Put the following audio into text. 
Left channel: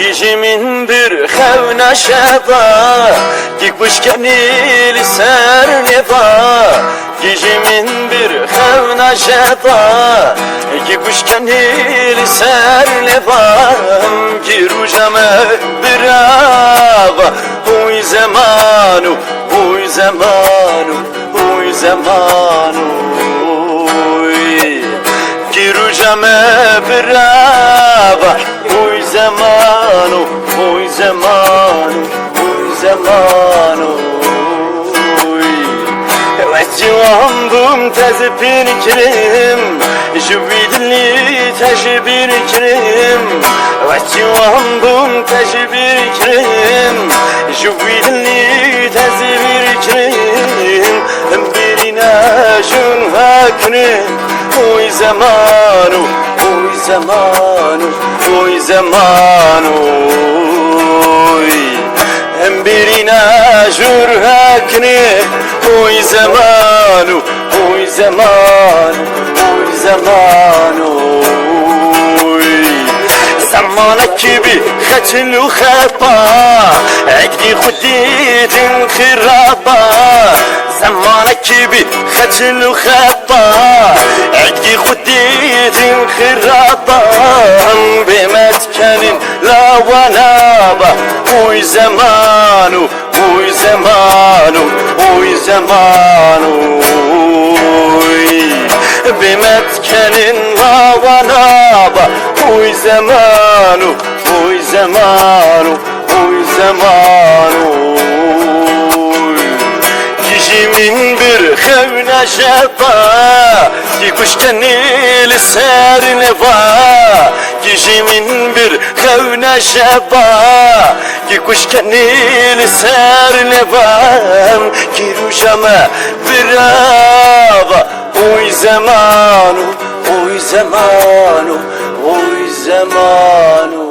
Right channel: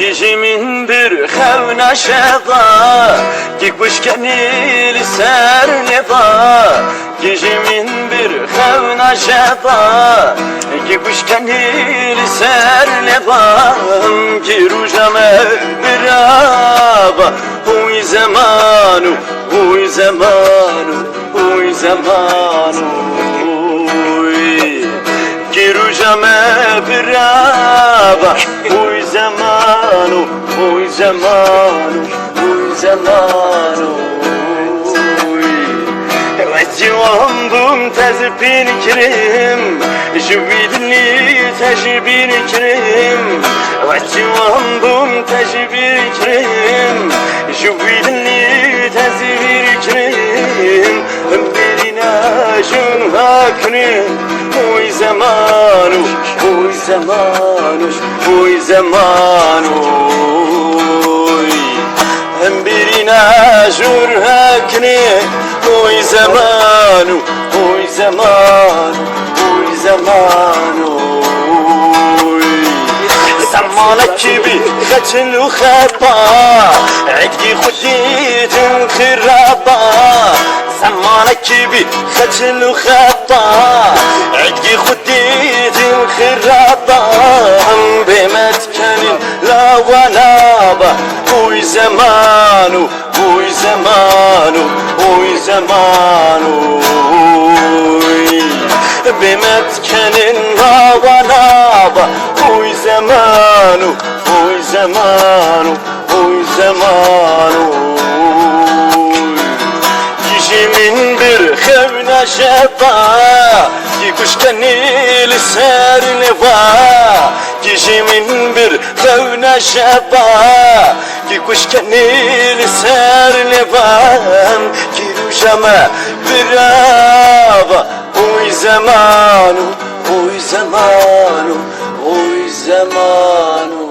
Gijimin bir xevna şeva Ki kuşkenil ser neva Gijimin bir xevna şeva Ki kuşkenil ser neva Ki rujame bir ava Huy zamanu, huy zamanu, huy zamanu Ki rujame bir ava Huy zamanu, huy zamanu, huy zamanu Civandım tezi bir kirim Jüvidli teji bir kirim Civandım teji bir kirim Jüvidli tezi bir kirim Birine jun vakrim Huy zamanu, huy zamanu, huy zamanu Birine jur hakni Huy zamanu, huy zamanu, huy zamanu زمانك بختن وخبا عقدي خديت انخرابا زمانك بختن وخبا عقدي خديت انخرابا بمتكن لا ونابا huy zamanu, huy zamanu, huy zamanu بمتكن لا ونابا huy zamanu, huy zamanu, huy zamanu Gijimin bir xevna şeba Ki kuşkenil ser neva Gijimin bir xevna şeba Ki kuşkenil ser neva Ki rujama bir ava Huy zamanu, huy zamanu, huy zamanu